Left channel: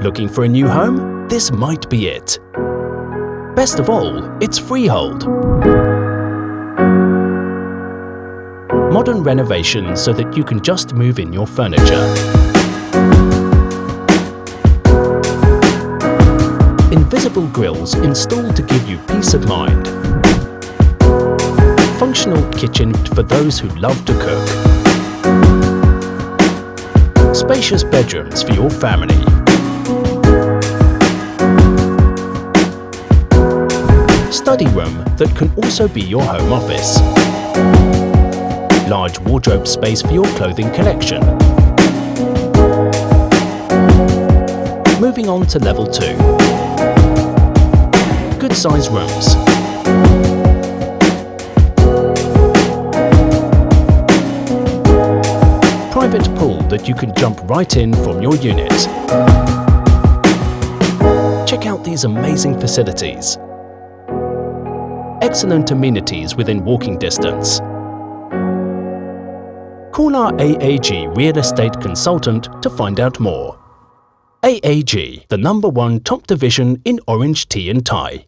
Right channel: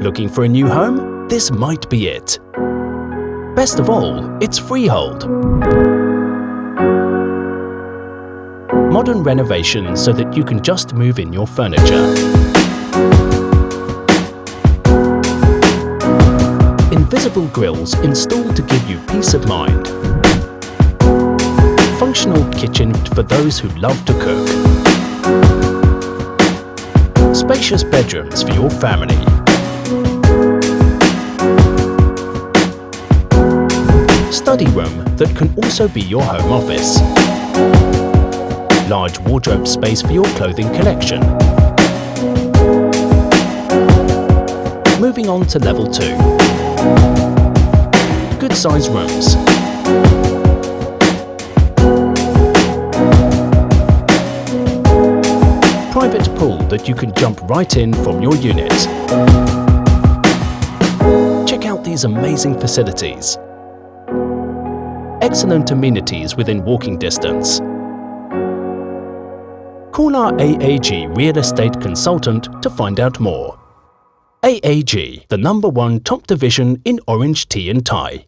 Looking for a new home? This might be it. Best of all, it's freehold. Modern renovation so that you can just move in your furniture. Invisible grills installed to give you peace of mind. Functional kitchen for those who love to cook. Spacious bedrooms for your family. Study room that can also be your home office. Large wardrobe space for your clothing collection. Moving on to level 2. Good size rooms. Private pool that you can jump right in from your unit. Check out these amazing facilities. Excellent amenities within walking distance. Call our AAG Real Estate Consultant to find out more. AAG, the #1 top division in orange tea and tie.